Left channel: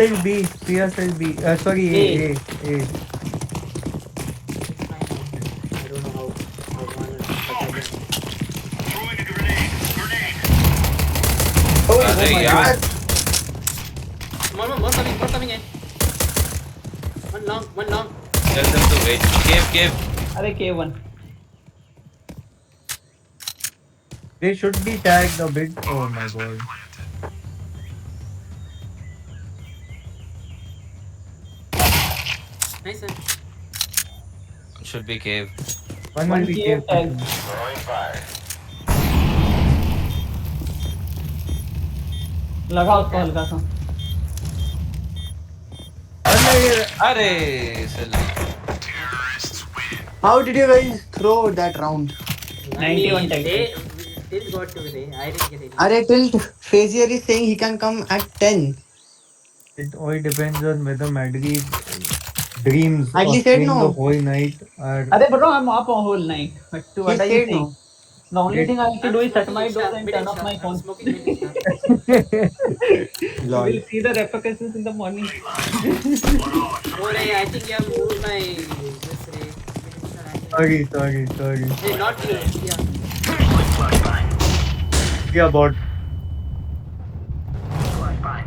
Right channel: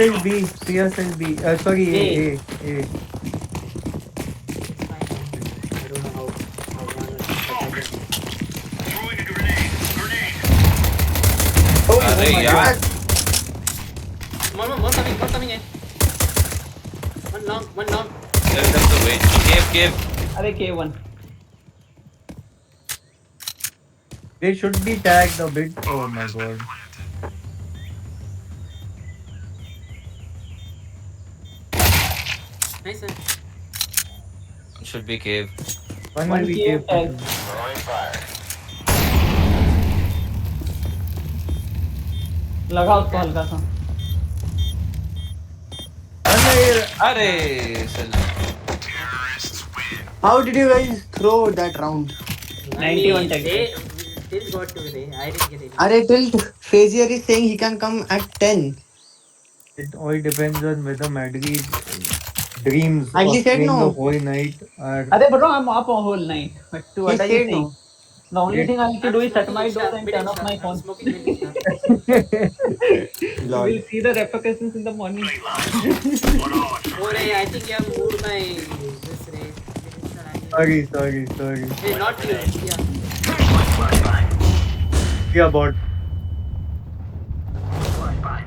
Still B. Sia still B. Sorry, A. A. It's fine now. I don't know how one, but I can. Oh अरे my यार God. More coming in. One long. tell them to wait. Cave. अरे K1. They should be tagged a bit. Oh my god. Nice one. Should be cave. One One will be cave cave. tag. लगा उसको हल्का सा. अरे साला How did you guys throw that round? 91 tag. They got to it. I didn't get it. Are tilt Frazier is saying he can come at 10. It all depends on whether Madri's dreams Madri of said playing no. the whole night are. अरे bro, I'm up a whole night. But to He what are you said saying? no. The only thing I have to I'm do is shut smoking my Insta, door and mid turn off Insta. my I'm phone. smoking mid Insta. You will see the repercussions in the morning. Oh, Ray, I think you have moved my this Ray. Mid Insta line. Sorry. Hey, not you. Yeah. Yeah, bot.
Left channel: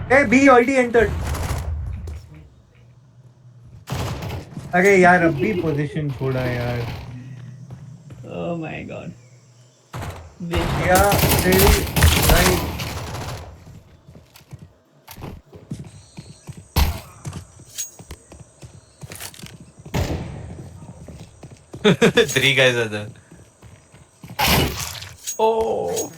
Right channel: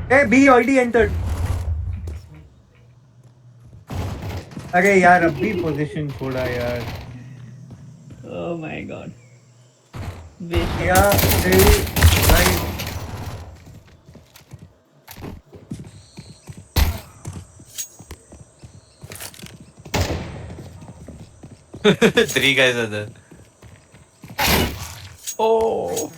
Hey, B already entered. अरे यार अब भी position छोड़ा यार. Oh my god. Waste. Yeah, still right. three guys are there. Oh.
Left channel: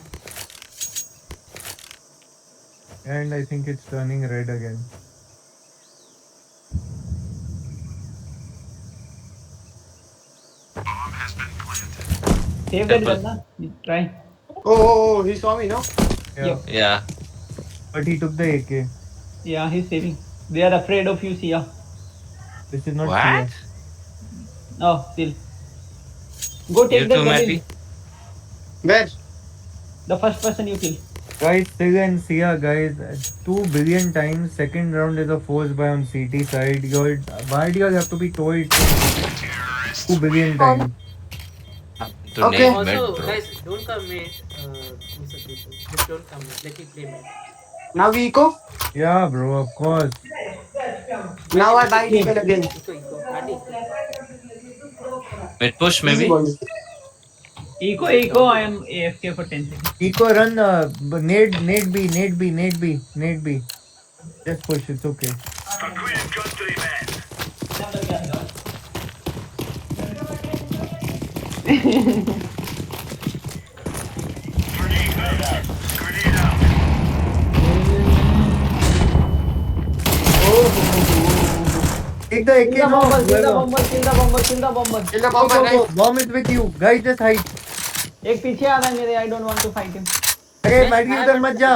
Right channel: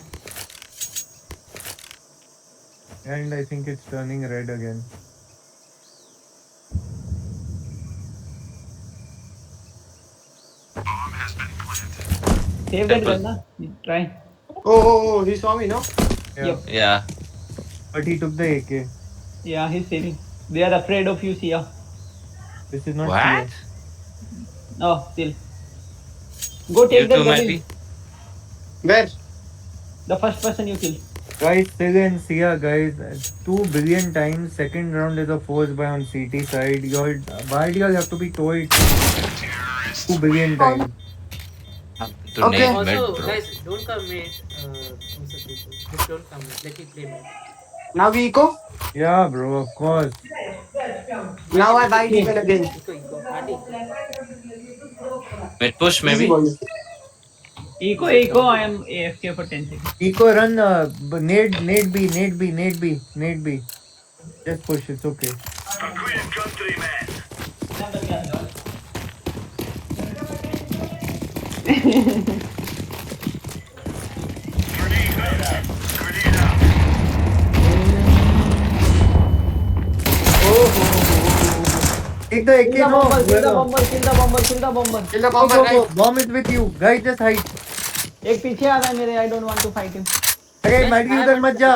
And I think it's turning red again. Save that gun, na? You try. Oh, he saw me, no? Yeah. Yep. Yeah. But he took the AK. Yeah, he's saving. They are afraid of you, Sia. This is not What? Sia. Oh, still. Go take You that too, gun Matty. in. Where? The first person you kill. Guys, Sig and Sia, guys, 2 billion times. Second round is a force buy on CT side. Why do you have to be told 2 billion times? To Okay. name Also, mid, bro. guys, don't come mid. Just don't come mid. Let me play mid. Now we eco? Yeah, bro, of course. Now I buy Deagle again. Eco. Matty. Mid push Easy maybe. boys. Eco, I am AFK for 10 seconds. Eco run, nade B. Just push, it's okay. Take the AK, Kill the no. bomber, kill the whoever. bomber, kill the bomber, kill the bomber. Kill the Go, bomber, go, right? go. Bomb is with you. Guys, just hide. एक पीछे आ रहा है मेरे. I don't want to fight him. अरे Maddie उधर मत जा.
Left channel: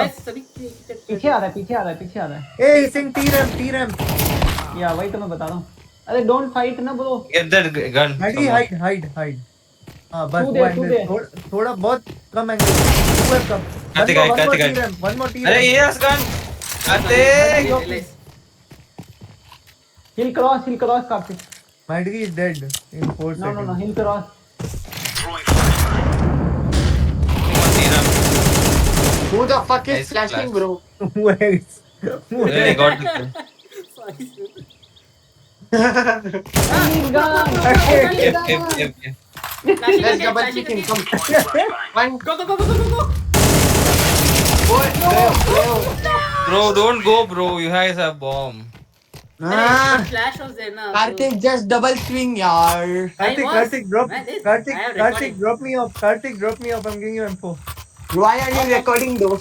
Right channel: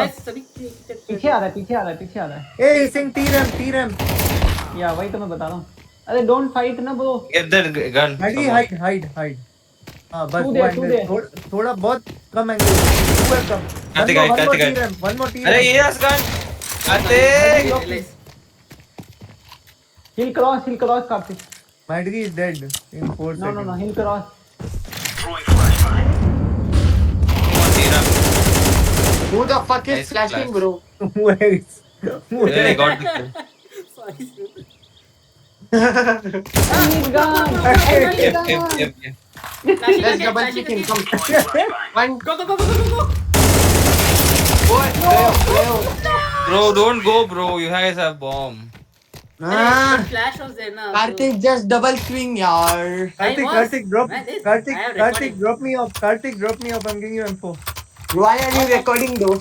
पीछे आ रहा है. Hey, sing T-Ram. या वही तो मैं बता रहा हूँ. अरे don't fight ना bro. Get that gun. Maddy hide. हाँ बस Two वो there. angle. थोड़ा बहुत कम एंगल. ऊपर कम. Karthik, One more T-Ram. अरे ये gun. Karthik. He'll cross, Karthik. Maddy is dead in 4 seconds. No, he'll cross. Who the fuck is Nice flashing, flash. bro? Where is? Yeah, I got the kill. He's gone. Yep. Let's double kick him. Come. One. Go. Go. Bro, don't go, bro. You guys have bomb. Ah, Flash was there na. Karthik just double swing, yaar. Karthik, drop. Man, I have Karthik, recording. drop me off. Karthik, drop me off. I'm giving you info. Why are you recording though?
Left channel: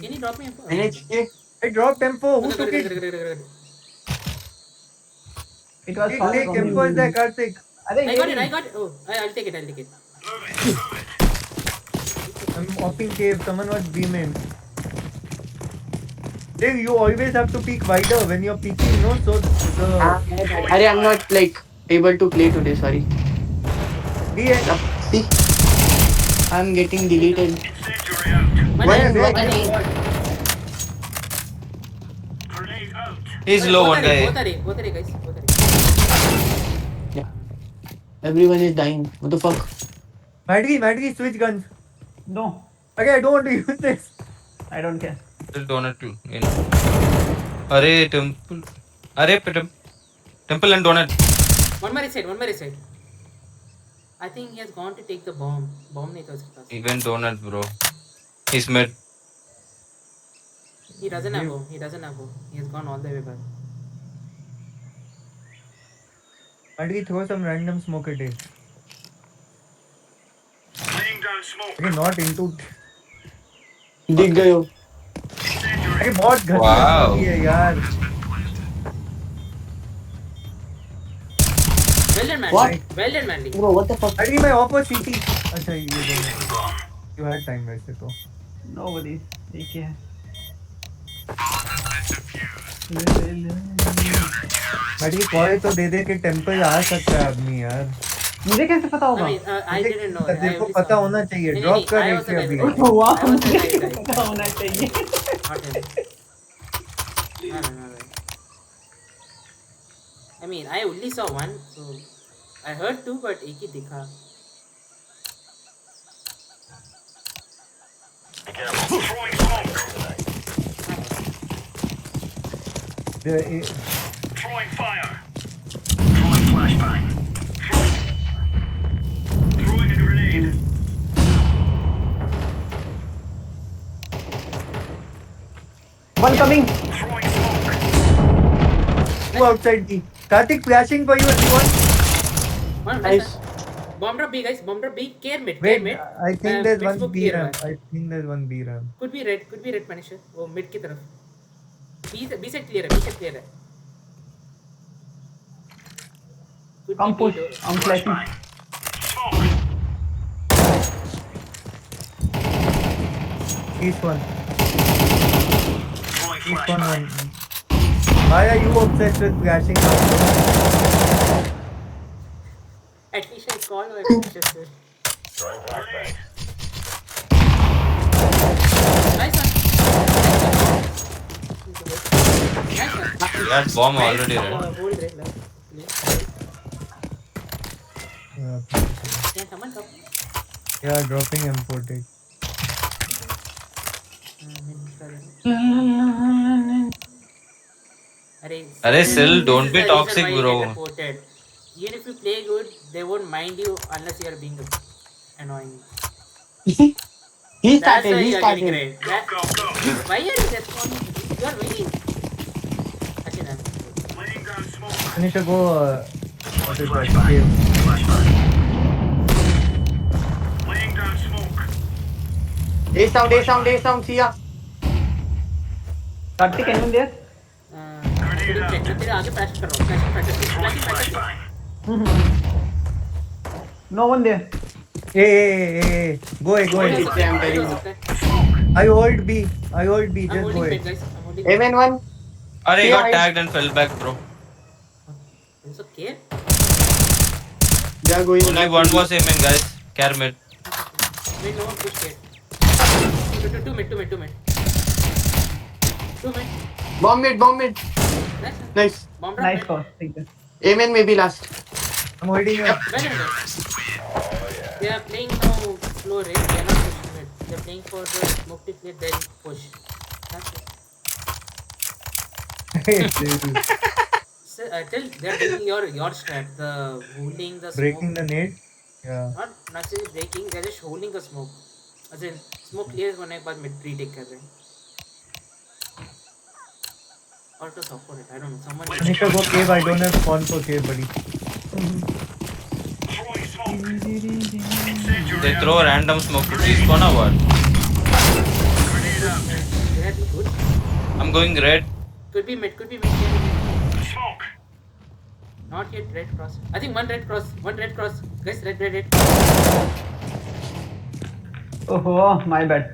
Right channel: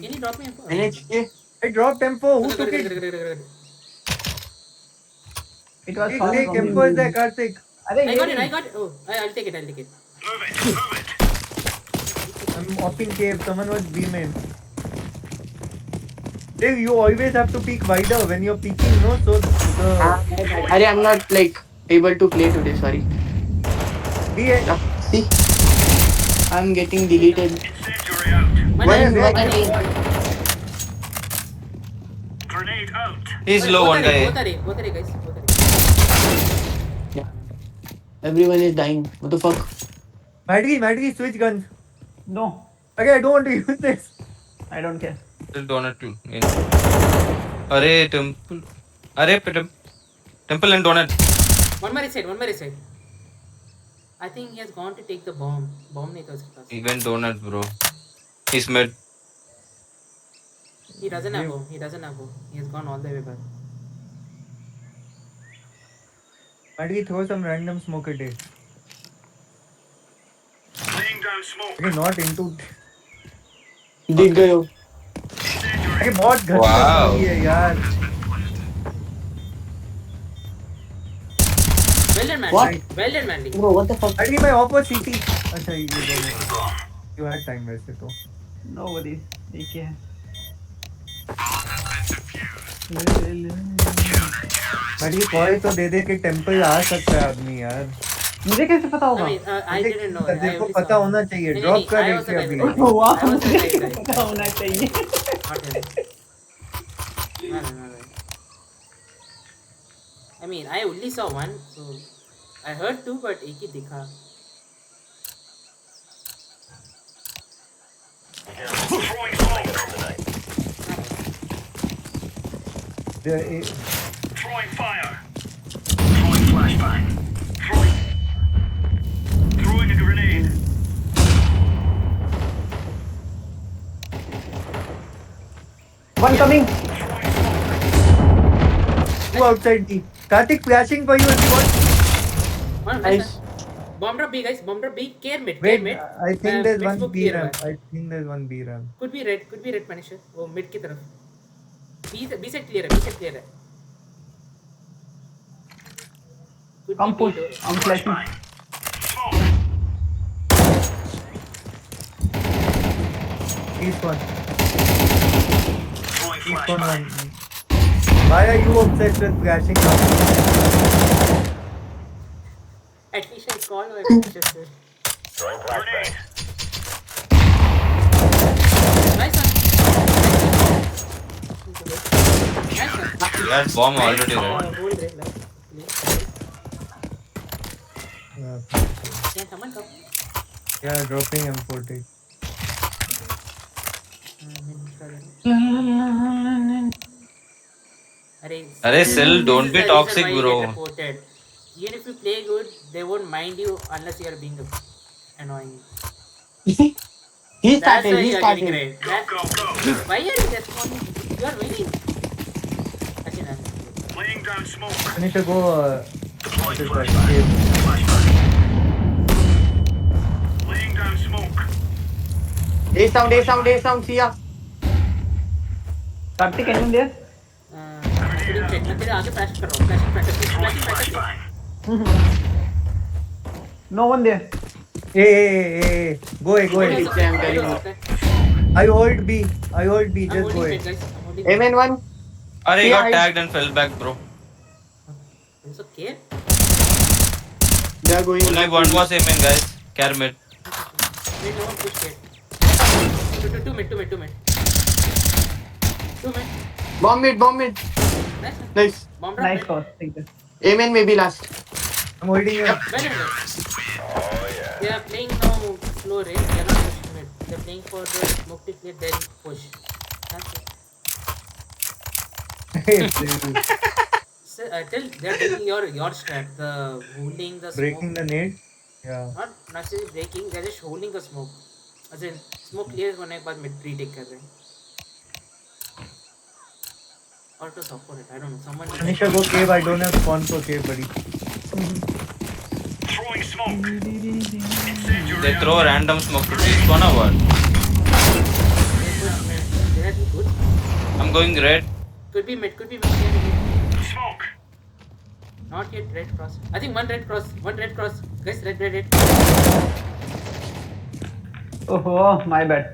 Can you drop me? NHK? I dropped info. Who took it? It was Take far from info is there, Karthik. अरे I got it. Oh, I'll take it. I'm offing cave. Someone was B main. Dave, you always have to peek wider when you're peeking, no? So the Arey, I'm not like able to play today, sorry. B See? I'm getting deleted. Money. He's low one guy. Both are guys. Both are. Everyone is dying. What the fuck? Madgi, switch guns. No, Okay, I don't want to use this. I don't care. Still donut too. Arey temple. Arey temple and donut. One more side. I think he has gone to take the bomb. Bomb नहीं था उसके पास. He went donut, bro. He's mid. He doesn't have bomb. He has gone all the way back. Madgi, throw some random smoke at it. Okay, not into. दिख गए हो. अरे बहुत घटिया Wow. है यार. Well done, What? Manly. Bro, what the fuck? Madgi, my op was CT. अच्छा ये you had time वैसे तो. Nobody. ठीक है. Madgi, कॉल तो दे के टेंपल आ सकता है आदमी यार. मुझे कैसे पता I होगा? mean, I didn't know. तेरे को पता होना चाहिए. नहीं, ड्रॉप नहीं, कर I रही was थी the अभी. guy. वाह, I was the मुझे guy. पता होना चाहिए. Not him. No. I mean, I only saw one, so I heard two, but एक ही दिखा. Throwing fire. Throwing flashbang. Throwing a grenade. One coming. Throwing smoke. Two outside D. Karthik flashing for you if you want. One Nice. Bomb drop B, guys. Bomb drop B. Care mid. Wait, mid. I think there's mid one smoke B clear run. हुआ है. I think there's one B run. Could be red, Punisher. वो mid की तरफ. B side clear है. Could I'm be push. B door. I'm flashing. East one. Throwing East flashbang. one. Why are you obsessed with flashing now? At least I call or Punisher. Grenade. Nice one. He had bomb already, right? Hold red. Yeah, Can someone drop? yeah, dropping M40. Arey, Sil, don't be this is the toxic, reason why you bro. get reported. Even if you play good, they won't mind you unless you are being annoying. He That's why started. you are getting red. Go, go. Why are you responding? You are winning. Actually, no. Laying down smoke. I need to go. What is that? Okay. Flashbang. Laying down smoke. A sound. See ya. Karthik, anyone there? Shooting check. मैं तेरे आगे flash कर रहा हूँ. Flashing practice. Flashbang. No one there. Hey. Go हो ahead. सकता है, हो सकता है. I hold B. I'm Just go holding pit, ahead. guys. I'm holding. Amen one. Arey, he got Yeah, tagged and fell back, bro. It's okay. They are going. Only one was aiming, guys. Care mid. Wait, no one push yet. Two mid. Bomb mid. Nice. one. Nice. Bomb drop Nice mid. call. Thank you. Amen maybe last. I'm holding you. Well done, guys. They are playing now slow range. They are not pushing mid. They are playing for the smoke to clear, then push. That's it. So, tell they are doing your strat. The holding the smoke. Breaking the nade. Yeah. Not necessarily breaking. They are just holding the smoke. As in smoke clear होने के बाद mid retake कर रहे हैं. Or to support it. I don't know. Someone did I need to go cave. I don't have spawn for cave, buddy. Throwing smoke. They throw random smoke to see spawn or what? They push mid. They are good. I'm going red. Could be mid. Can be mid. Smoke. Not yet red cross. I think one red cross. Guys, red. Oh, my bad.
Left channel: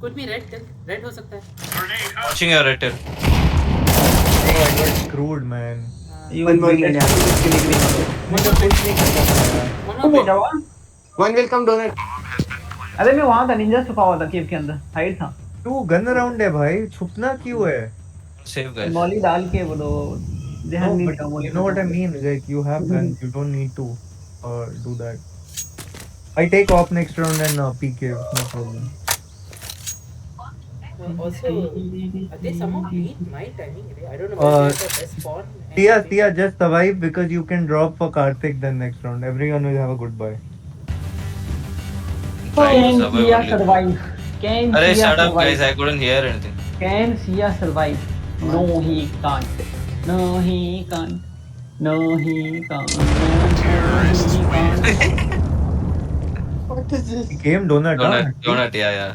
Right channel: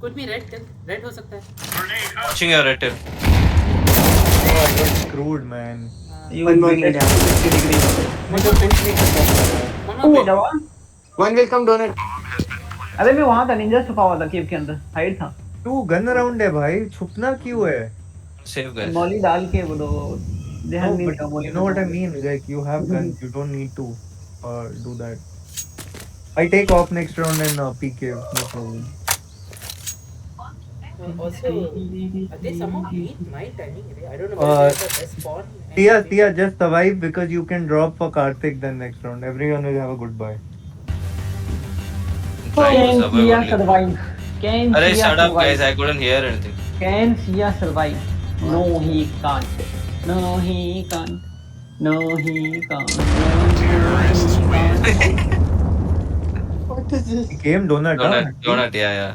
Could be red. Red हो सकता है. Grenade out. Watching your red. Oh, I got screwed, man. You One more will mid. get 60 degree. One more mid. One more mid. जवान One will come donut. अरे मैं वहाँ था, Ninja छुपा हुआ था केव के अंदर, हाइड था. तू गन अराउंड है भाई. छुपना क्यों है? Save guys. मौली डाल के वो ध्यान No, नहीं but देता मौली you know what I mean? Like, you have guns, you don't need to do that. I take off next round and PK, no problem. Also, they somehow beat my timing. I don't know whether they are the best spawn. Tia, just survive because you can drop for Karthik then next round. Everyone will have a good buy. Trying to Can survive Sia only. survive? Can Arey, Sia shut up, survive? guys. I couldn't hear anything. Can Sia survive? No, he can't. No, he can't. No, he can't. No, he can't. What is this? He came donut, Donut, yeah.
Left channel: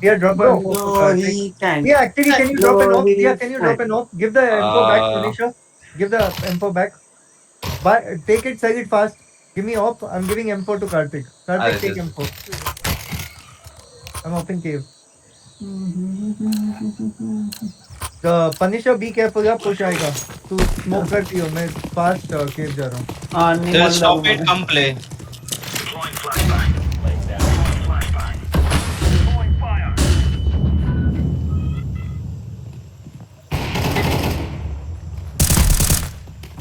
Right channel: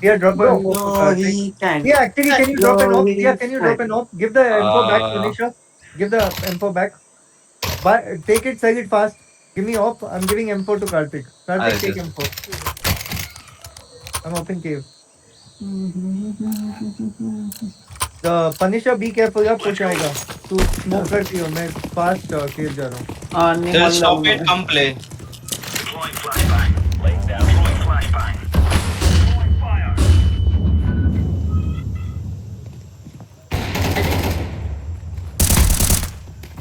Tia, drop an info for No, Karthik. he can't. Tia, actually, can you drop an No, off? he Tia, can you drop can't. an off? Give the info back, Uh, Tanisha. Give the info back. But take it, sell it fast. Give me off. I'm giving M4 to Karthik. Karthik, I'll take just- M4. I'm open cave. The Punisher, be careful, यार push आएगा. तू smoke करती हो, मैं fast cave जा रहा हूँ. नहीं Just मौली stop डालूंगा it. Come play. Deploying flashbang. Laying down. Deploying flashbang. Fire.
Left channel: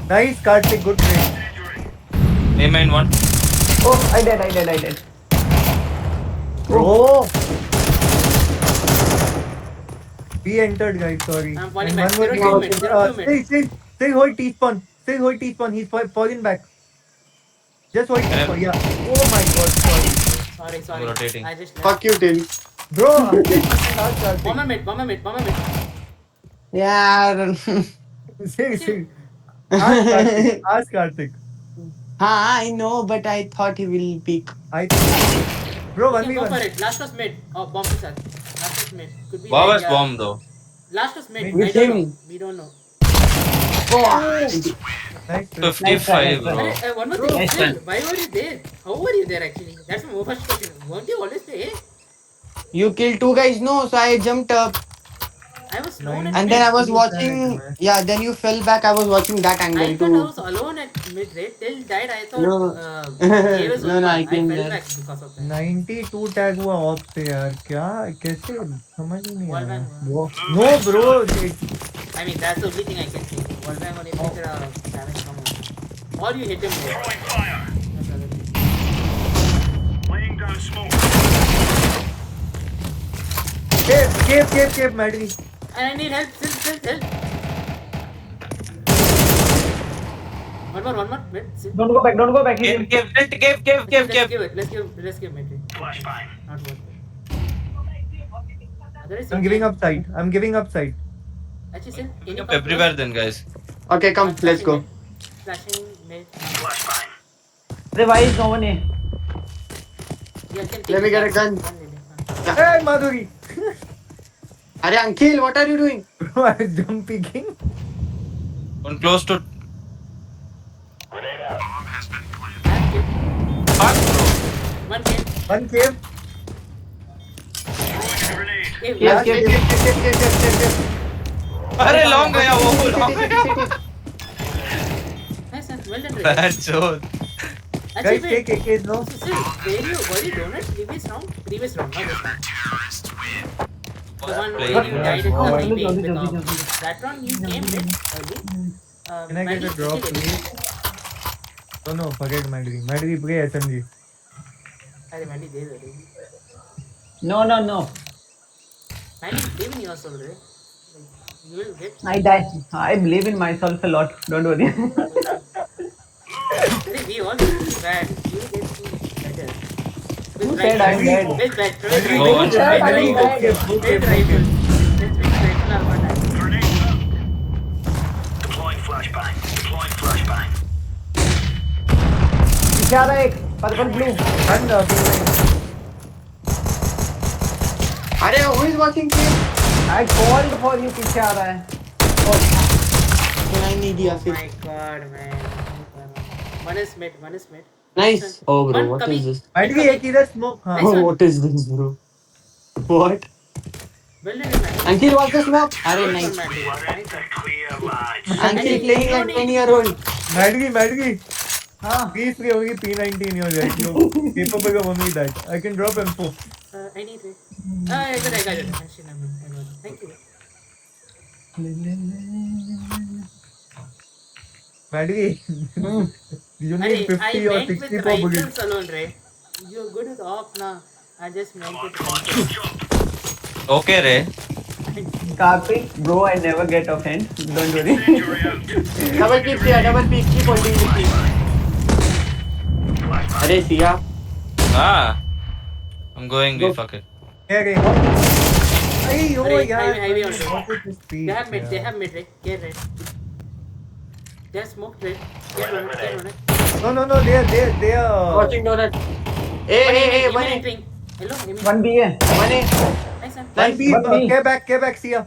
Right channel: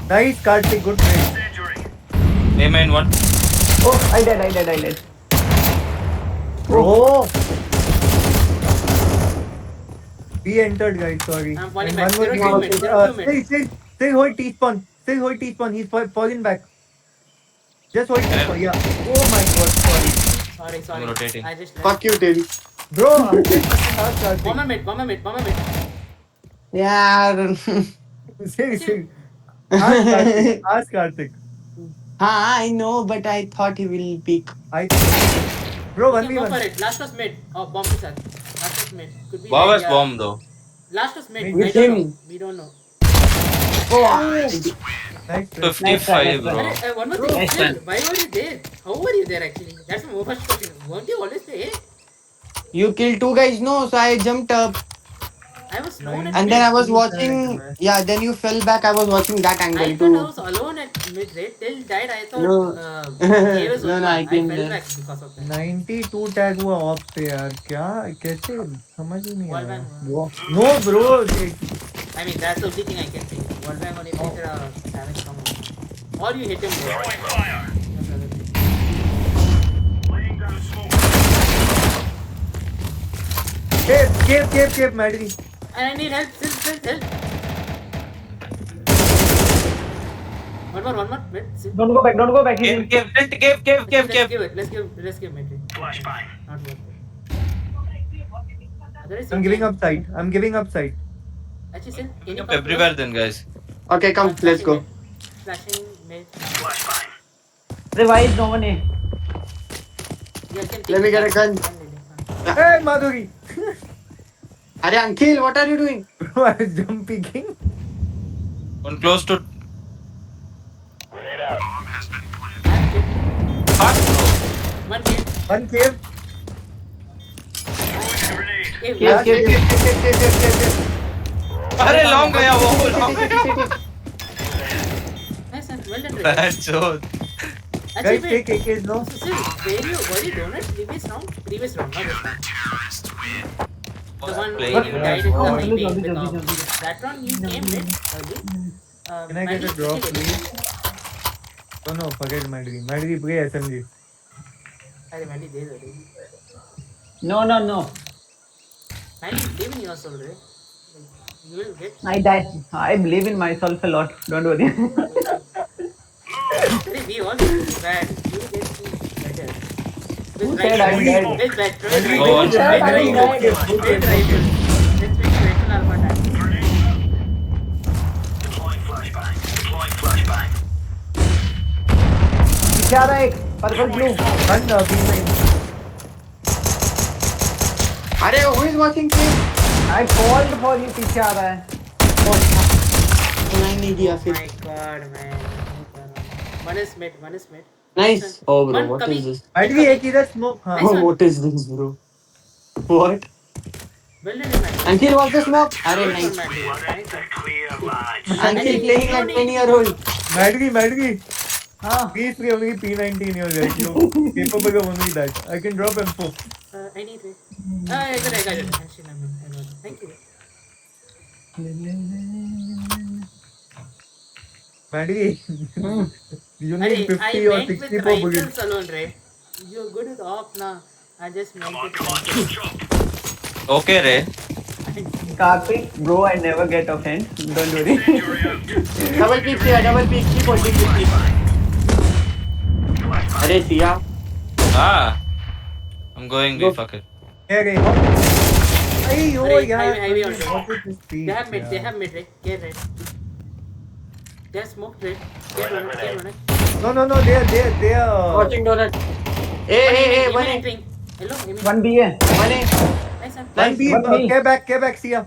Nice, Karthik, good trade. Injury. A main one. Oh, I did. Bro. We entered, guys. Sorry. I'm falling And back. one more 0 team. mid, 0 mid. Say hold T-spawn. Say hold T-spawn. He's falling back. Just hold T-spawn. Yeah. Oh my god. Sorry. Sorry. Rotating. I just left. Fuck you, Till. Bro. Karthik. Bomber mid. Yeah. Say. Ask Karthik. I know, but I thought he will peek. Bro, You can go for 1v1. it. Last was mid. Oh, bomb is at. Last was mid. Could be Wow, like, was bomb though. Last was mid. Which I don't team? know. We don't know. Nice. 55, bro. One more thing. Nice Still, one. why were you there? How were you there actually? That's my first question. Won't you always play? You killed two guys, no? So I jumped up. I was alone at And mid. then I was watching. Yeah, then you fell back. I was watching that I angle thought I too. was alone at mid, right? Till died, I thought No. Dave was No, one. no, I I came fell there. back because of that. 92 tag हुआ of पे यार क्या कैसे समझ ही नहीं Wall आया bang no bro I mean, that's the only thing I can think. Wall bang on if it's damage come out. Or you hit him there. Throwing fire. That's the other thing. Laying down smoke. केव मैडरी And I need help. Still help. One more. Mid. Still. Don't go back. He's in. Cave. Let's give mid. Flashbang. Not worth it. Otherwise, I'm you giving can- up side. Actually, still, can you Up come everywhere close? then, guys. Okay, come, let's go. Flashing mid. Flashbang. Revive no one. Yeah, can take Let me the get a gun. Hey Madhuri Arey, Ankil, what are you doing? bro I was jump picking One close to. Grenade out. Bomb has been planted. I'm kid. Fuck, bro. One kid. one cave Throwing a grenade. Cave. Yes, Last yes, kid. yes. अरे long गया वो long गया. Nice, man. Well done, Ray. Bad joke. Actually, guys wait. take AKs now So, still, were you donut previous round? Previous round, not this one. The one where you died in the highway with that round you came mid early. can I get a drop please no forget Madhuri play SMG अरे मैंने दे दो रे. No. मैंने believe in yourself रे. You will get. I die. I believe in myself a lot. Don't worry. Ray, we all get bad. You will get better. With Who said I'm dead? With rifle. No one With said I'm rifle. dead. With rifle. Let's pick rifle alpha tag. Grenade out. Deploying flashbang. पीछे आ रहा है एक purple blue. one Arey, who is watching Till? I called for you. पीछे आ रहा है. सुनाई नहीं दिया Oh फिर. my god, man. One is mid. Nice. Oh, bro, One what कभी- is this? Madhuri एक इधर smoke हाँ Nice Oh, one. what is this, bro? What? Well done, man. Ankil, what's the smoke? Arey, Nice one, nice. man. Nice The one. clear lines. Ankil playing like 10-year-old. Madhuri हाँ. please play only P19 you're right you capable of only that I can drop M4 I need it. I got it. Actually, I got it. Thank you. Maddie, you Arey, need I 50 or went with 64 bullets. rifles alone, right? You're good with op now. I just went with rifles. Okay, Ray. Karthik, bro, I never get offense. Don't worry. Double peek, Sia, double peek. Keep holding the peek. Arey, Sia. Ah. I'm going B, Go. fuck it. Hey, oh Arey, yeah. highway on road. What is this speed? They have mid, they Yeah. have mid, right? Get red. They have smoked red. Get on it, get on it. No, they are. Watching donut. Hey, One hey, hey, aiming, one aiming A. entering. Hello, aiming. 1B है. One A. Nice one. One B, One B. K back, see ya.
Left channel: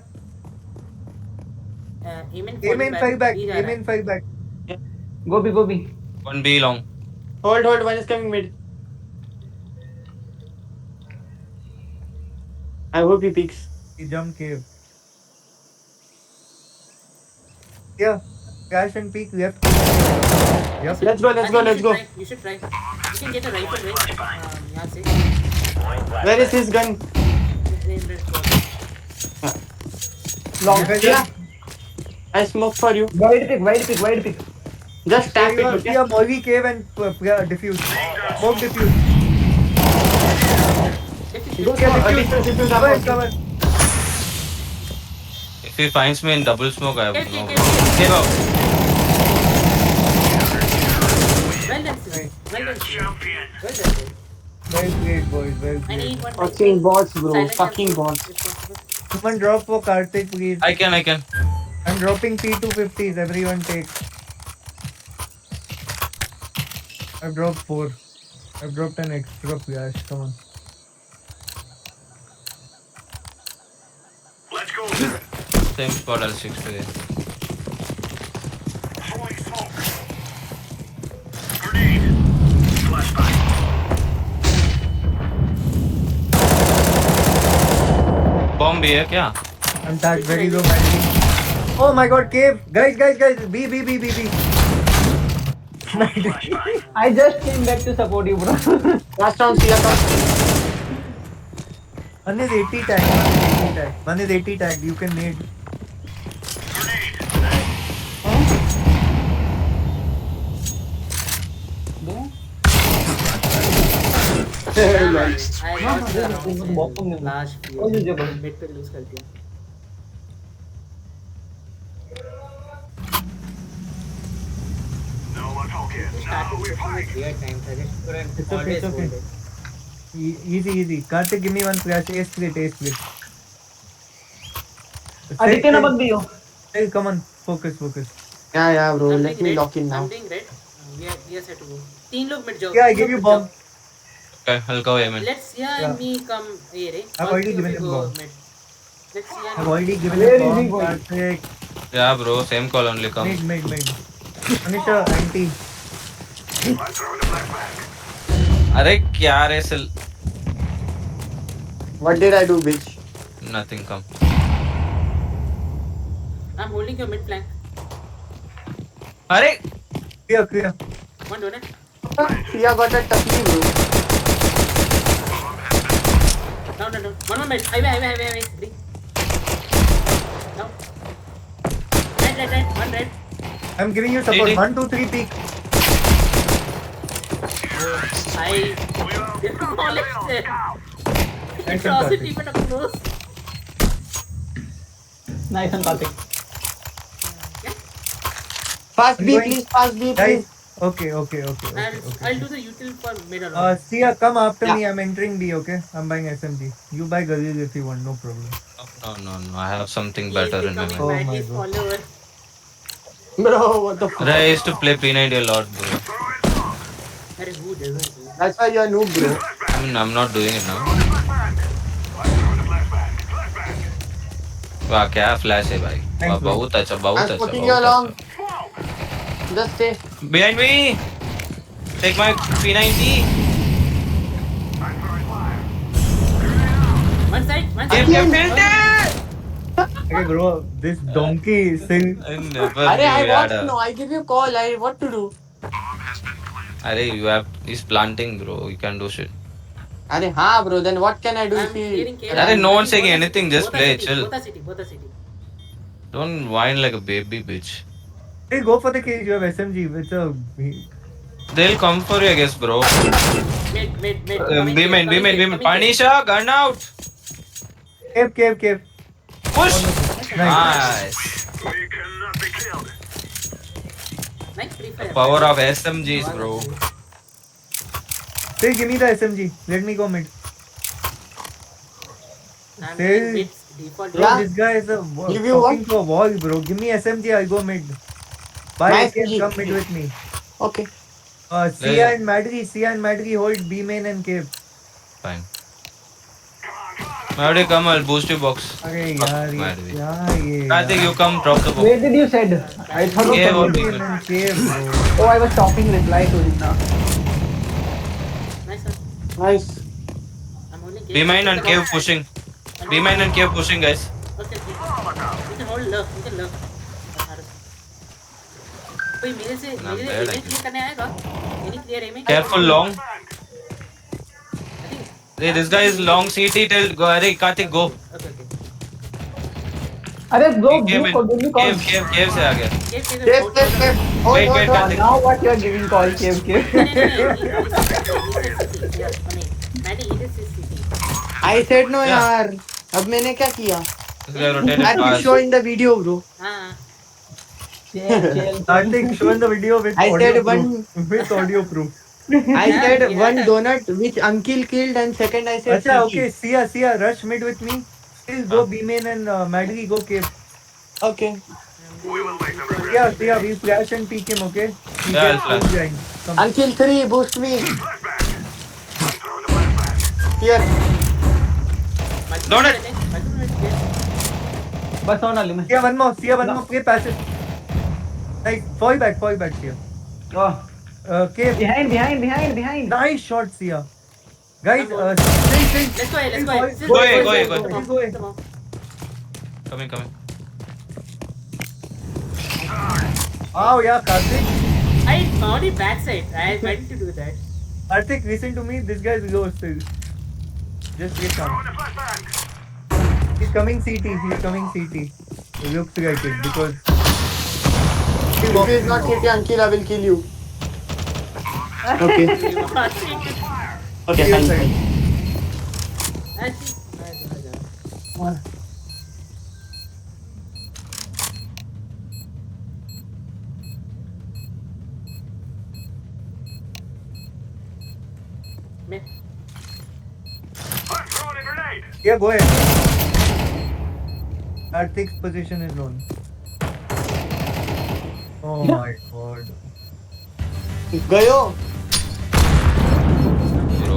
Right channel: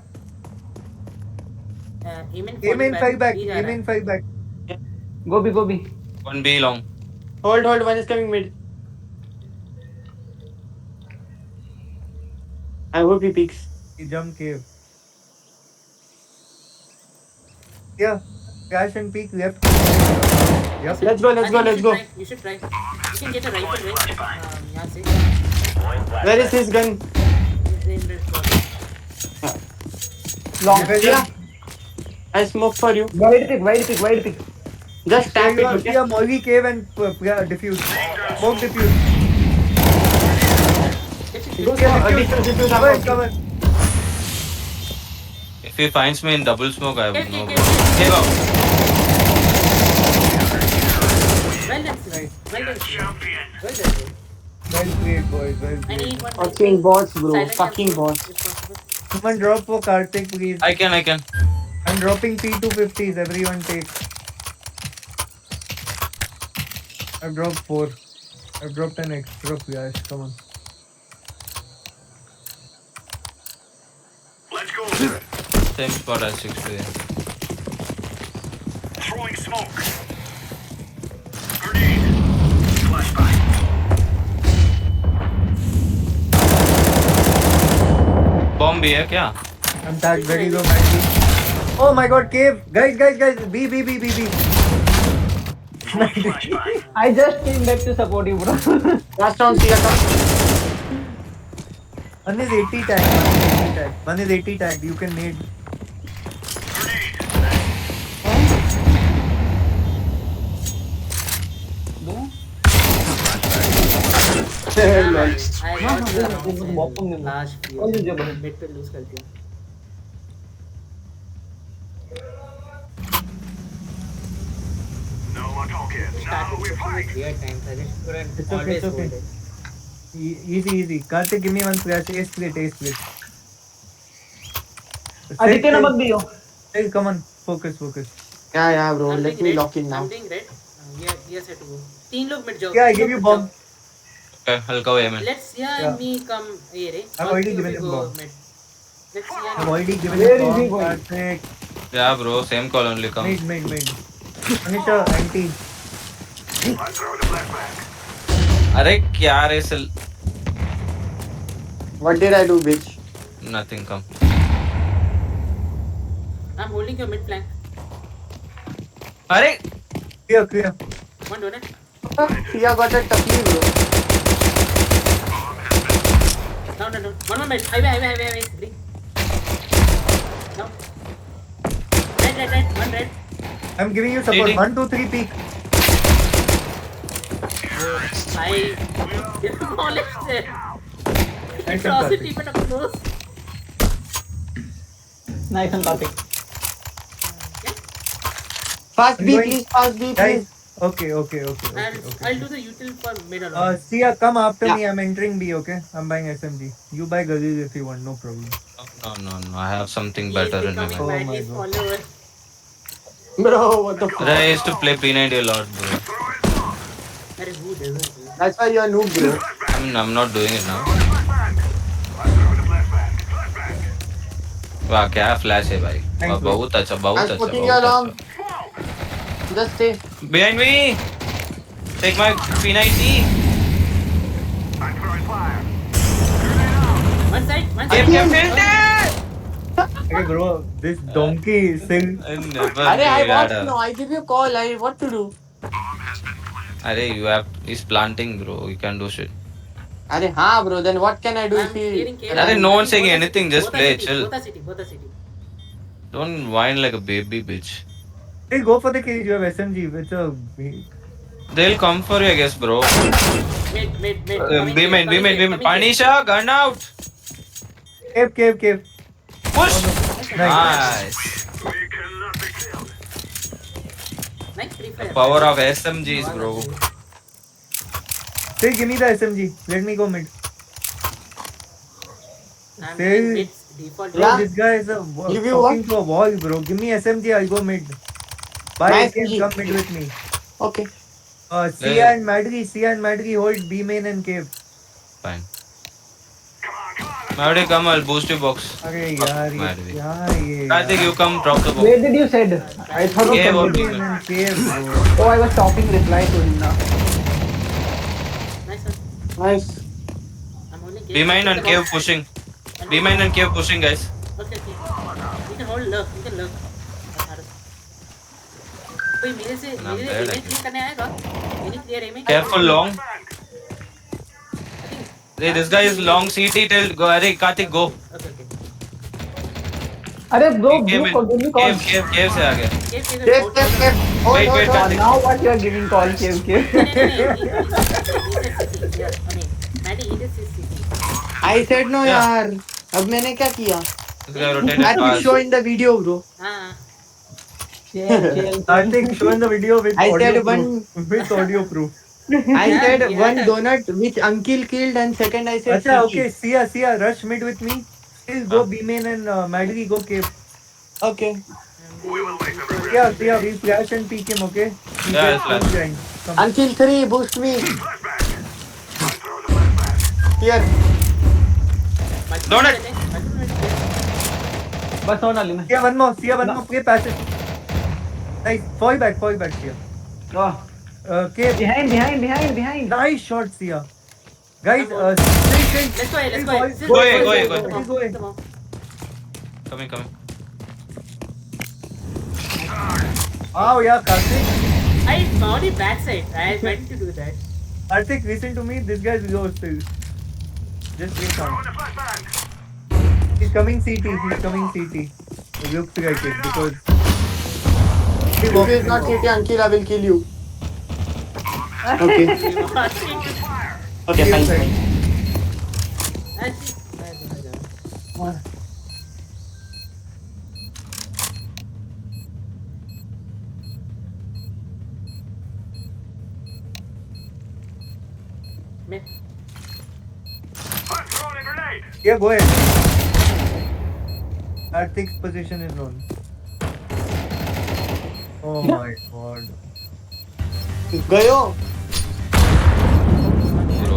Aiming Aim in 5 back, B जा aim रहा है. in 5 back. Go B, go B. 1B long. Hold, one is coming mid. I hope he peeks. He jump cave. Yeah, crash and peek left. Yep. Let's go, I let's think go, you let's should go. try, you should try. You can get a rifle, right? यहाँ से. Where is his gun? In red spot. Long. Sia, I smoke for you. Wide pick. Just tap it, okay? Yeah, Molly cave and diffuse. Smoke diffuse. Go, Yeah, diffuse, diffuse, Cover, I'm cover. If he finds me in double smoke, I have Get, no. get, get. Give up. Well done, Sid. Well done, Sid. Well done, Sid. Well played, boys. Well I played. need one Fucking rifle. bots, bro. Silent Fucking jump, bots. if possible. Someone drop for Karthik, please. I can. I'm dropping P250s. Everyone take. I've dropped 4. I've dropped an extra flash. Come on. Let's go. Same spot as 6-3. Throwing smoke. Grenade. Flashbang. Bomb भी है क्या? I'm tagged very low, Maddie. Oh my god, cave! Guys! B. Flashbang. I just came back to support you, bro. Last round, Sia, come. One is 80 tagged. One is 80 tagged. You can nade. Yeah, man. I No, lost the no, rounds no, no, no. in last few. All the jabber. Mid पे lose कर दिया. No more talking. Now Started we pushing fight. with weird times. I just couldn't It's okay, always it's okay. hold it. Easy. Karthik, give me one flash. Ace split. Aditya na bag diyo. Hey, come on. Focus. Yeah, bro. I'm Let doing me red. lock in now. I'm doing red. Yes, I have to go. 3 लोग mid जाओ. Yeah, I 3 give लोग you mid bomb. जाओ. Okay, I'll go aim in. Let's Yeah. me come here. I've All already three of given you him go bomb. mid. Let's I've already given Where a is he bomb. going? Karthik. Yeah, bro. Same call only come. Mid. Anisha, anti. I'm throwing a flashbang. अरे क्या रे सिल? What did I do, bitch? Nothing come. I'm holding your mid flank. अरे Clear. One donut. Sia got a tucky, bro. Down. One more mid. Highway. Three. Down. Red. One red. I'm giving you support. Ready? 1, 2, 3 peek. I demolished it. Nice Cross one, it even up close. Nice and Karthik. Fast I'm B, going- please. Fast B, Guys. please. Okay. I'll do the util for mid alone. Sia, come after Yeah. me. I'm entering B, okay? I'm buying SMG. You buy Galil if you want, no problem. No. I have something He's better in becoming mind. Oh my Maddie's God. follower. Bro, what the fuck? I used to play P90 a lot, bro. Arey, who doesn't? That's why you're a noob, bro. I mean, I'm not doing it now. वाह क्या flash है भाई. Thanks, वाह bro. बहुत अच्छा. I'm putting you along. Just stay. Behind me. Take my P90. One side. Hey bro, this donkey still. I never Arey, I knew want that. to know. I give you a call. What to do? Arey, you have. He's planting, bro. You can do shit. Arey, bro. Then what can I do I'm if he... clearing cave. Arey, no I'm one's saying both are anything, city, just both are play, city, chill. Both are city. Don't whine like a baby bitch. Hey, go for the cage. You have SMG. It's a. They'll come for you, I guess, bro. Mid. Be main. Panisha, gun out. Cave. Push. Nice. Nice. We cannot be killed. Nice free fire. Power of SMGs, bro. Say, give me the SMG. Let me go mid. I'm Say- doing mids default. Bro, Yeah. this guy is Give you talking to a wall, bro. Give me SMG. I'll go mid. Bye. Nice Cave, SMG. come mid with me. Okay. Sia Yeah. and Madri hold B main and cave. Fine. Madri, come, I'll boost your box. अरे Fuck, यार Madri. ये Karthik, you come drop the box. Where did you said? I thought Cave you or said. B main. and cave, bro. Oh, I was talking reply to him now. Nice one. Nice. I'm holding cave. Be main and cave pushing. Be main and cave pushing, guys. Okay. We can hold love. We can love. कोई मेरे bad, M actually. Clear करने आएगा? Any clear aiming? Careful long. I think. Hey, this guy is long CT till go. Arey, Karthik, go. Okay. अरे bro, He came give in. me call. Cave से आ गया. Cave. Wait, Karthik. Now what you are giving call, Cave. Maddie, he just says CT. I said no Yeah. यार. अब मैंने क्या किया? This guy rotated I have to fast. show in the video, bro. हाँ. Chill. Karthik, show in the video with I audio said proof. one- With audio proof. I said Yeah. one donut which Ankil killed and second I said Acha, CT. okay. Sia, rush mid with me. Still go B main and Madri go cave. Okay. Sia, we flash and peek him, okay? He Yeah, I'll gets flash. full behind. Come. Ankil 3, boost me. Here. Donut. बस और डाली मैं. Sia, one more. Play passive. Nice. Fall back, Sia. Oh, Cave. behind. Nice shot, Sia. Guys, stay. Let's go. Go. Come on. Coming. Oh, yeah, Karthik. I found it backside. I meant to do that. Karthik, listen to me. This guy's low still. Just wait on. He's coming CT. He looks like it because. If he is not CT, Ankil, I will kill you. Okay. Okay, fine. Me. I'm throwing a grenade. Yeah, go ahead. Karthik's position is known. Oh my god. गयो. Bro.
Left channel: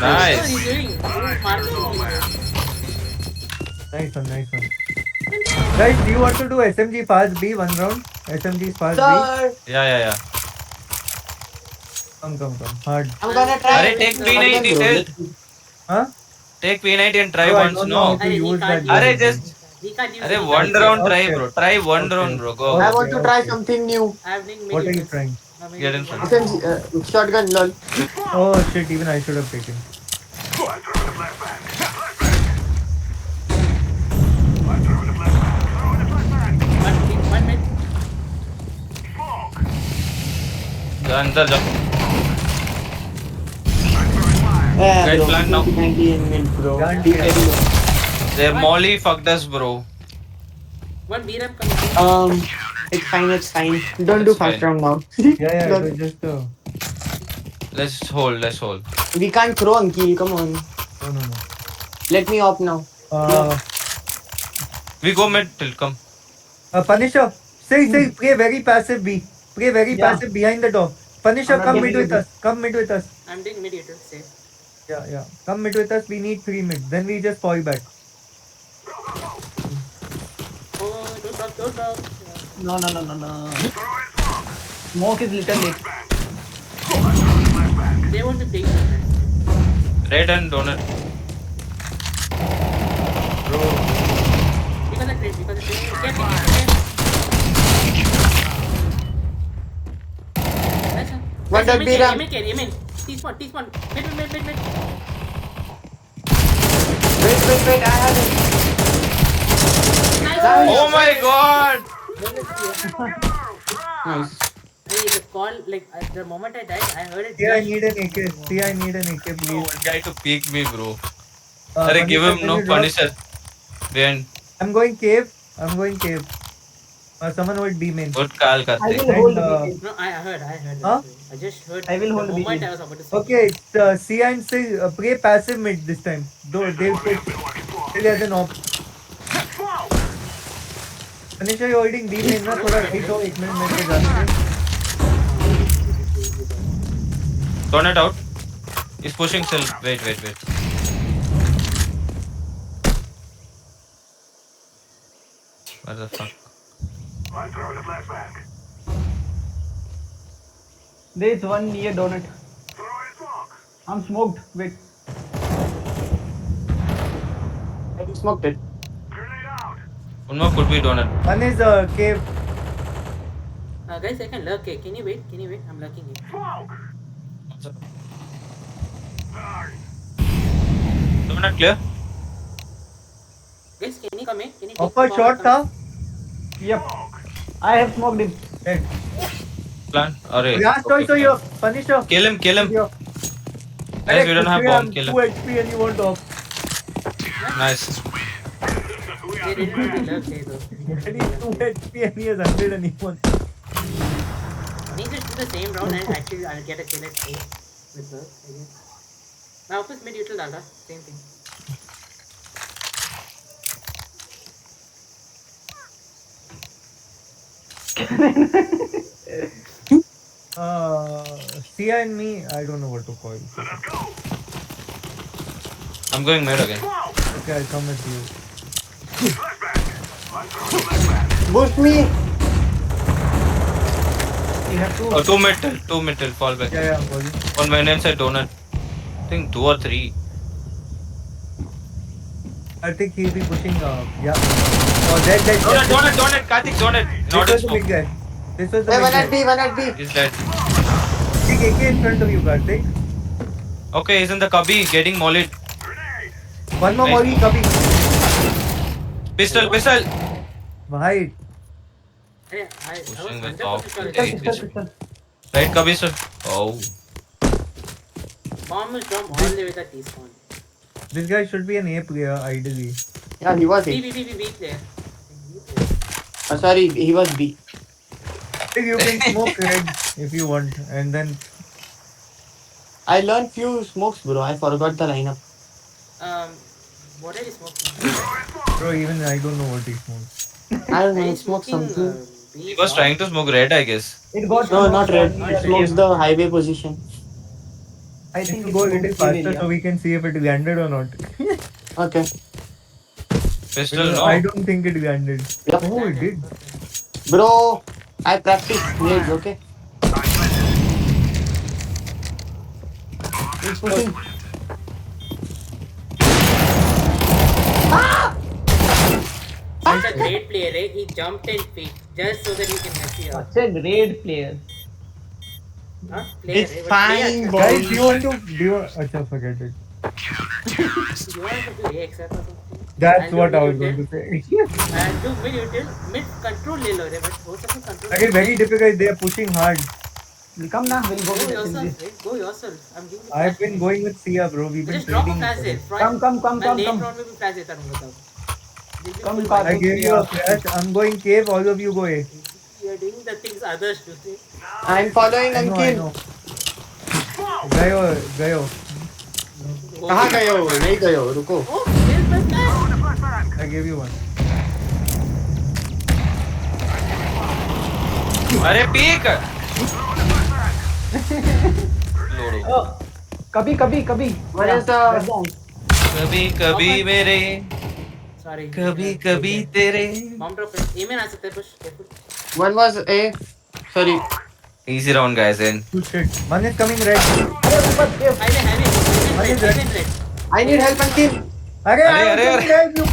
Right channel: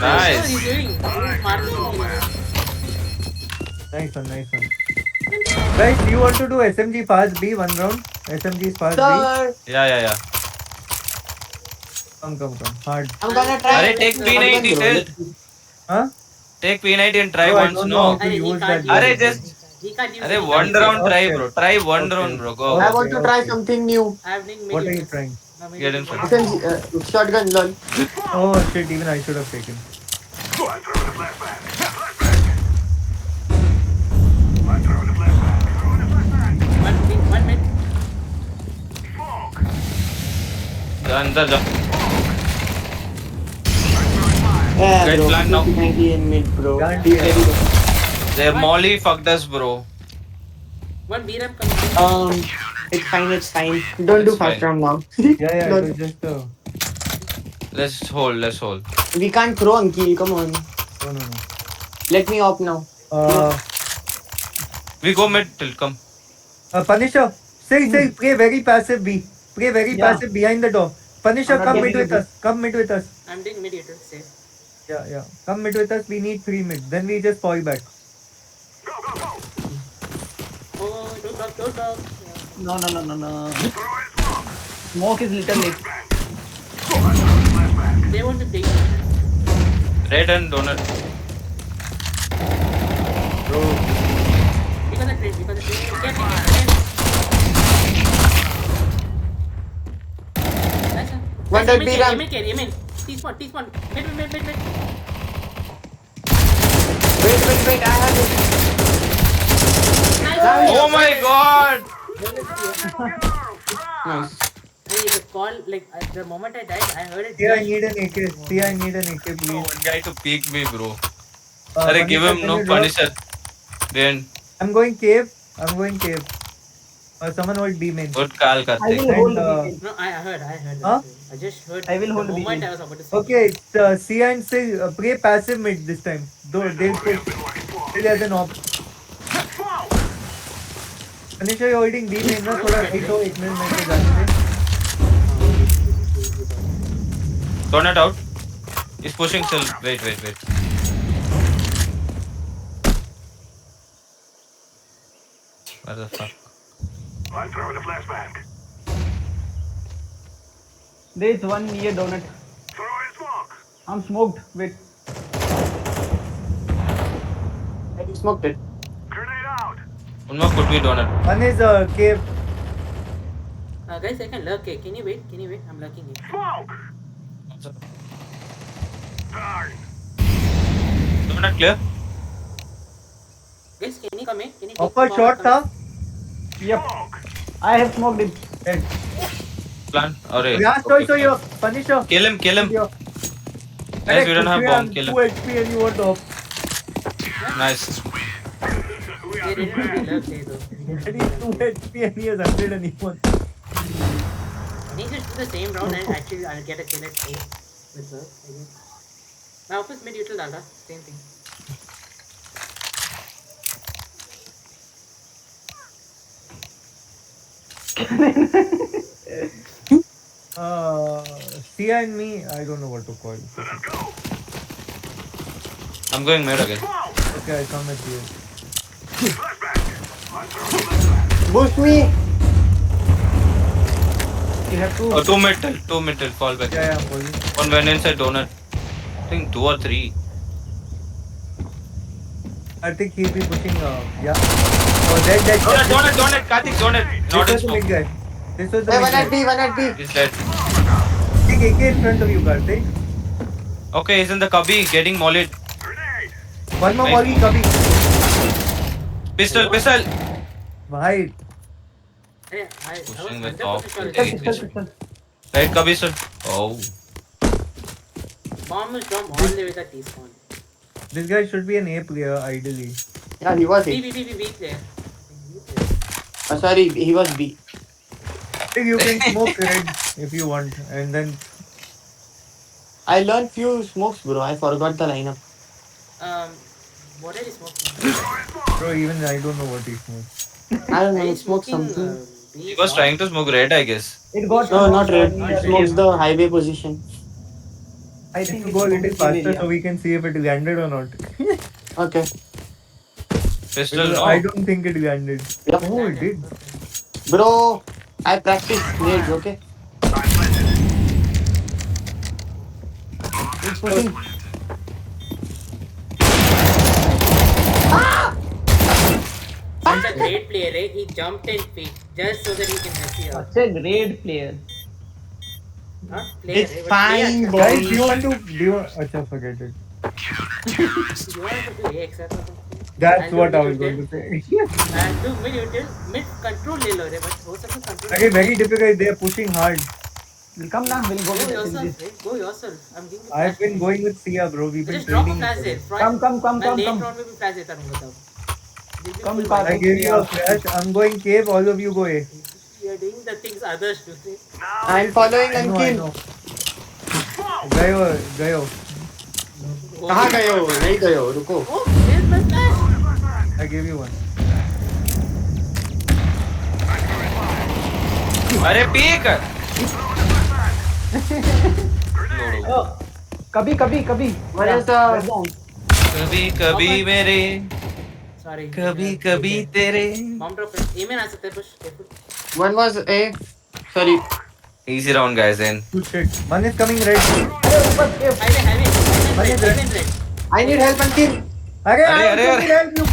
What are you Nice. doing? Marking. Nice one. Guys, do you want to do SMG fast B one round? SMG fast B? Sir, Yeah. Come. Hard. I'm gonna try. Arey, take P90 till. Huh? Take P90 and try Oh, I once. don't No. know. Arey, he use can't that. use Arey, just. He can't use Arey, it. one round try, Okay. bro. Try one Okay. round, bro. Go. I want to try Okay. something new. I'm doing What are you medium. trying? Get in front. SMG, shotgun, lol. Oh shit, even I should have taken. I'm throwing a flashbang. I'm throwing a flashbang. One mid. Smoke. जा अंदर जा. Yeah, Guys, bro. plant now. 90 in mid, bro. Plant Be here. ready, bro. Their Molly fucked us, bro. One B ramp coming. It's fine. Don't do It's fast fine. round now. Yeah, No. it was just Let's hold. We can't throw Ankil, come on. no. Let me op now. We go mid till come. Punisher, say, play very passive B. Play very Yeah. passive behind the door. Punisher, I'm not come mid getting with it. us. Come mid with us. I'm doing mediator. Safe. Yeah. Come mid with us. We need 3 mid. Then we just fall back. Oh, don't block. No. Smoke is little late. They want to take it. Red and donut. Bro. Because of trade. Get. Nice one. One dot B ramp. Yemen. T-spawn. Mid. Wait, I have it. my god! Nice. Hey, the call, like, the moment I died, I heard it. See, I just- need an AK. See, I need an AK, please. One guy to peek me, bro. Punisher, Give him can no you drop? Punisher. Behind. I'm going cave. Someone hold B main. Good call I karte. will hold And, B main. No, I heard. Huh? I just heard. I will the hold the moment beacon. I was about to say. Okay, it's Sia and Sig. Play passive mid this time. They'll push. Till there's an op. Punisher, you're holding B main ना थोड़ा hit हो 1 minute में जाने दे. Donut out. He's pushing still. Wait. What the fuck? I'm throwing a flashback. There is one near donut. Throwing smoke. I'm smoked. Wait. I smoked it. Grenade out. One more could be donut. One is cave. Guys, I can lurk. Can you wait? I'm lurking it. Smoke. Darn. Donut clear. Guys, can you come in? Can you take Offer the shot bomb? था. Yep. I have smoked him. Hey. Plan. Arey. Last okay, also fine. your Punisher. Kill him. Yo. Guys, we don't have bomb. Kill Kill 2 him. HP and you want off. Nice. They didn't really lurk there though. And he's 2 HP and he has 100 and he wants. Can you just do the same round and actually I'll get a kill at A with lurk, I guess. My office mid util dala. Same thing. Sia and me, I don't know what to call. I'm going mid again. Okay, I come with you. Boost me. You have to. Oh, two mid till fall back. Yeah, I'm holding. One man inside donut. I think 2 or 3. I think he'll be pushing. Yeah. Oh, dead. Donut. Karthik, donut. Not This was in the big smoke. guy. This was the Hey, big one guy. at B, one at B. He's dead. Take AK in front of you, Karthik. Okay, he's in the cubby getting mollied. One more Nice. molly, Kabhi. Pistol. Right. Hey, I was Pushing the 100% top. sure Hey. it's Pistol, pistol. Right, cubby sir. Oh. bomb is dropped all the way to T-spawn. This guy should be an A player, ideally. Yeah, he was A. B player. I think B player. Sorry, he was B. I think you can smoke red if you want, and then I learned few smokes, bro. I forgot the lineup. What are you smoking? bro, even I don't know what he smokes. I don't know. Are I you smoked smoking? something. B He was trying to smoke red, I guess. It got. No, not red. Not He red. smokes the highway position. I If think you it's go a little smoked faster area. so we can see if it landed or not. Okay. Pistol, Because no. I don't think it landed. Yep. Oh, it did. Bro, I practice nades, okay? He's pushing. He's a great player, eh? He jumped and peeked just so that he can mess you up. Such a great player. Not player, It's eh? But fine, player. boy. Guys, do you want to? Do you? Acha, forget it. You want to do AX or something? That's I'll what do I was mid going to say. And do mid util. Mid control ले लो रे, but हो सकता है control. Again, very difficult. They are pushing hard. We'll come now. We'll go Go with yourself, this. eh? Go yourself. I'm giving you I've flash. been going with Sia, bro. We've been Just drop a trading. flash there. Come. मैं late come. round में भी flash देता रहूँगा तब. They'll be Come, full come. buy. I gave you a flash. I'm going cave. All of you go A. You are doing the things others do. See? I'm following I Ankit. know. गयो. कहाँ गए हो? नहीं गए हो, रुको. Oh, where's my flash? I gave you one. अरे peak. Oh, कभी. Where is the- Red zone. कभी मेरे Sorry. कभी तेरे. Bomb drop है. A में आ सकता है push. Careful. One was A. Sorry. Easy round guys in. Two shit. One is coming red. Highway red. I need help, Ankit. अरे अरे, coming red. You.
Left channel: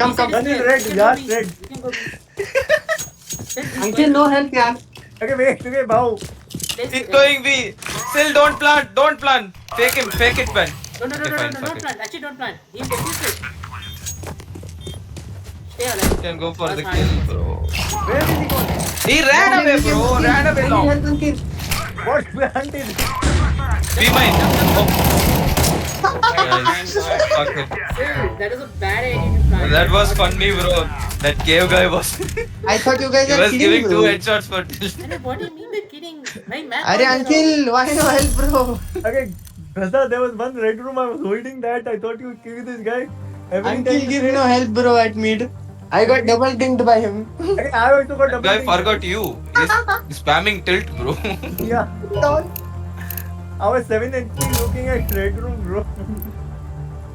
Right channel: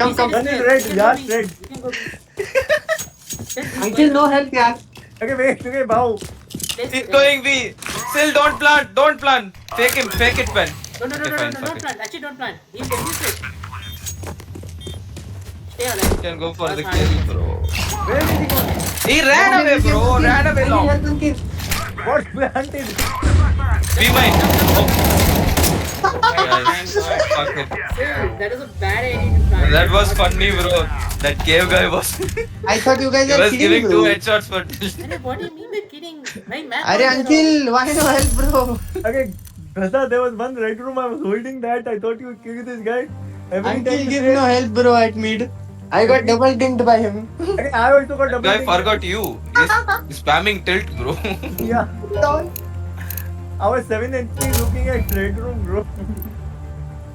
Come. One is red. Last red. You can go. Ankit, no help, yaar. Okay, wait. Okay, bow. He's going B. Still don't plant. Fake it Ben. No, Okay, fine, don't fuck it. plant. Actually, don't plant. He'll defuse it. stay alive. Can go for the That's kill, 100%. bro. Where did he go? He ran away, bro. Ran away long. What planted? Be mine. Oh, Oh my guys. God. Fuck it. Still, that is a bad idea to plant. That was Not funny, to- bro. That cave guy was. I thought you guys He are was kidding, giving bro. 2 headshots for till. Arey, what do you mean by kidding? My map Arey, was there uncle, why no help, bro? Okay, Gaza, there was one red room. I was holding that. I thought you would kill this guy. Every Uncle, time give no help, bro, at mid. I got double dinked by him. Okay, I also got That double guy tick. forgot you. He's spamming tilt, bro. Yeah. I was 7 HP looking at red room, bro.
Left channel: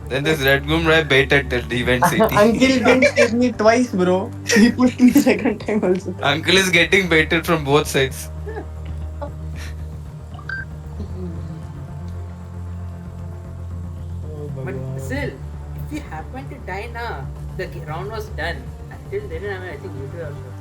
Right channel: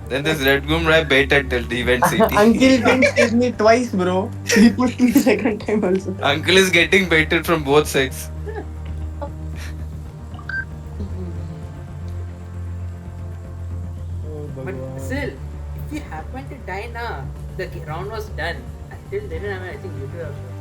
Then this red room right baited tilt. He went CT. Uncle didn't save me twice, bro. He pushed me second time also. Uncle is getting baited from both sides. But still, if you happen to die now, the round was done. Until then, I think you two have shot.